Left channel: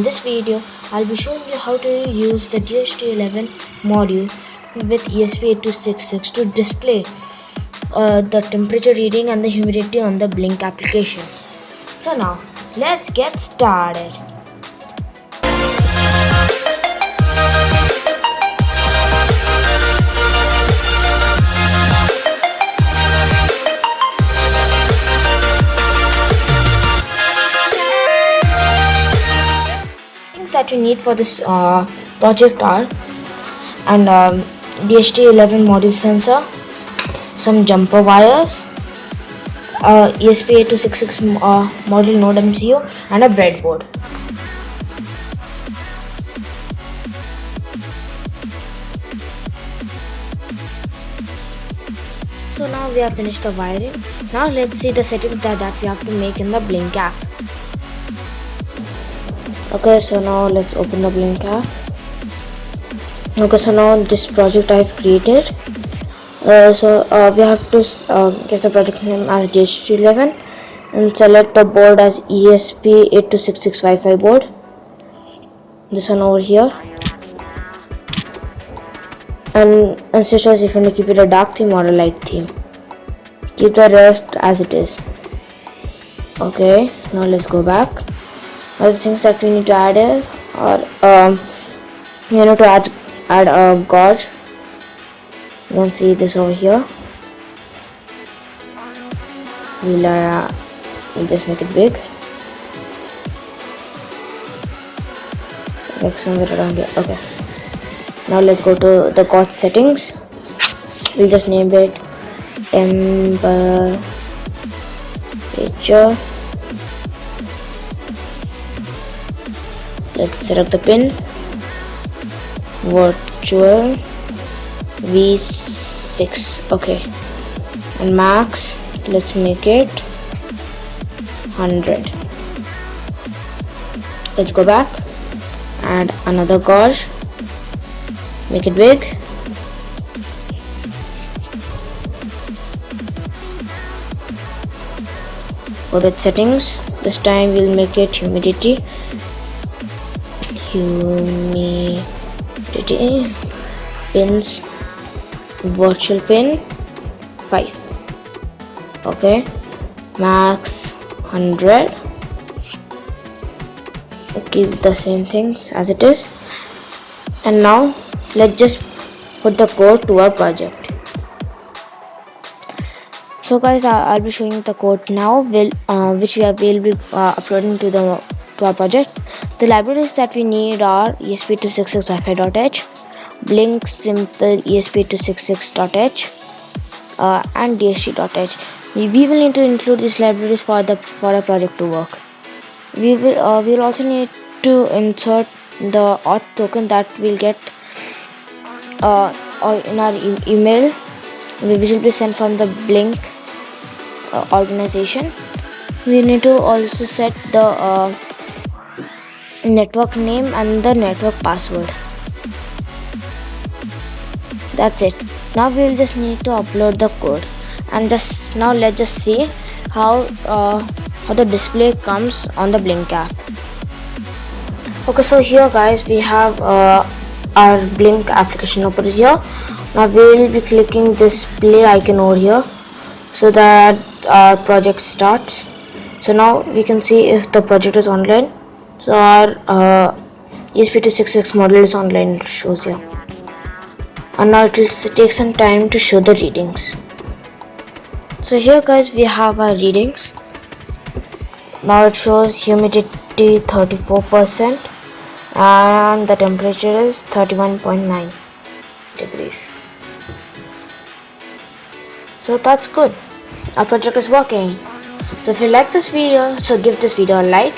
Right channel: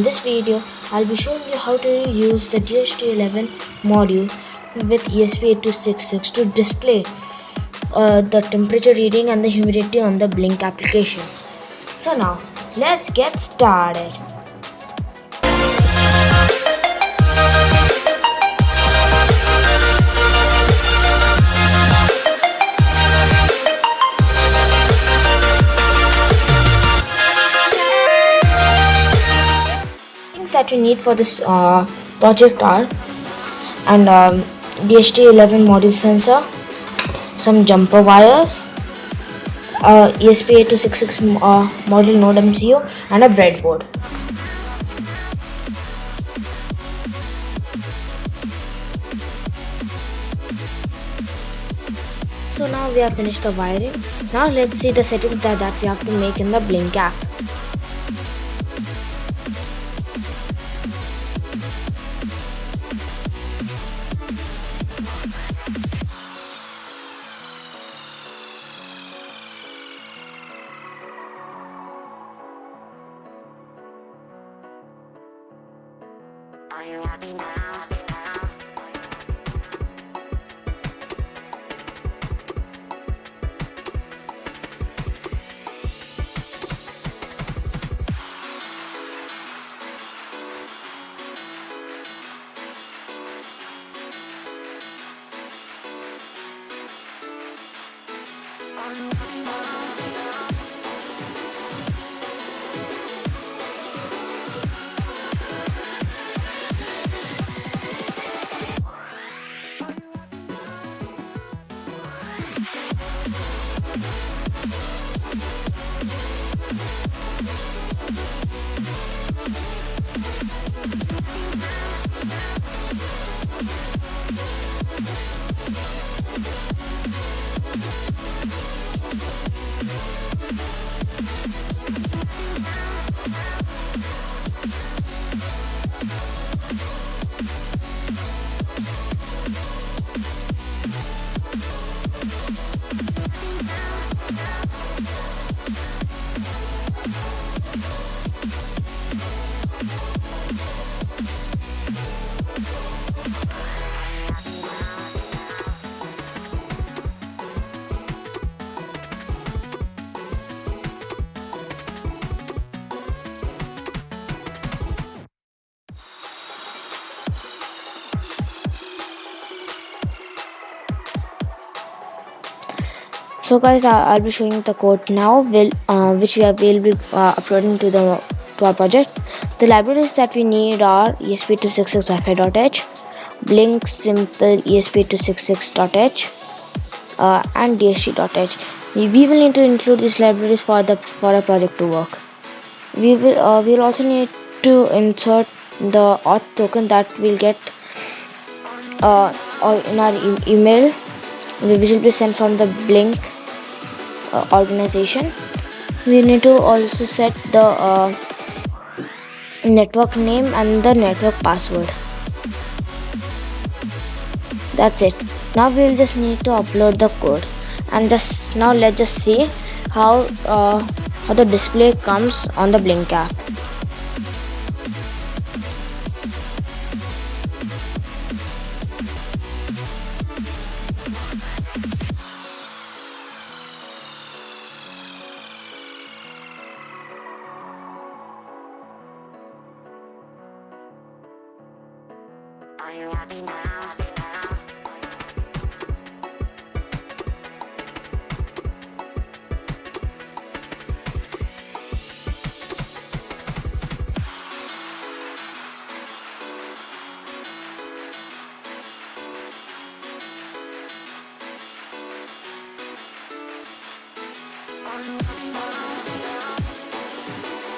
In this video, I'll be showing you how to use the DHT11 module with ESP8266 to display the temperature reading and the humidity on the Blynk application. So now, let's get started. That you need for this project are DHT11 module sensor, some jumper wires, ESP8266 module nodeMCU, and a breadboard. So now we have finished the wiring. Now let's see the settings that we have to make in the Blynk app. Okay, so now let's open the Blynk app. Okay, so now this project I've created. We have to get the project name as DHT11 and select the board as ESP8266 Wi-Fi board. This one over here. And instead choice if you want to keep it a dark theme or a light theme. Keep the rest as it is. Okay, now let's go back. Other things that we need to add here are you know, to add a gauge. You can see this over here. We'll just make it big, like somewhere around here. Okay, now let's go to the gauge settings. We'll just name it temperature. Let's select the pin, virtual V6. Okay, and max, let's make it 100. Let's go back, add another gauge, make it big. Go to settings. This time we'll make it humidity pins, virtual pin 5. Okay, max 100. Keep the same things as it is. And now let's just put the code to our project. So guys, I'll be showing the code now, which will be uploading to our project. The libraries that we need are ESP266 Wi-Fi.h, Blynk simple ESP266.h, and DHT.h. We will need to include these libraries for a project to work. We'll also need to insert the auth token that we'll get in our email, which will be sent from the Blynk organization. We need to also set the network name and the network password. That's it. Now we'll just need to upload the code, and now let's just see how the display comes on the Blynk app. Okay, so here guys, we have our Blynk application open here. Now we'll be clicking this play icon over here so that our project starts. So now we can see if the project is online. So our ESP8266 model is online, it shows here. And now it will take some time to show the readings. So here guys, we have our readings. Now it shows humidity 34% and the temperature is 31.9 degrees. So that's good. Our project is working. So if you like this video, so give this video a like.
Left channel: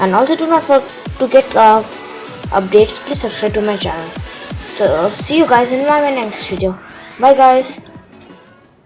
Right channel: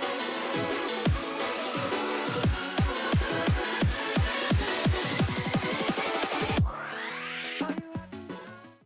And also do not forget to get updates. Please subscribe to my channel. So see you guys in my next video. Bye guys.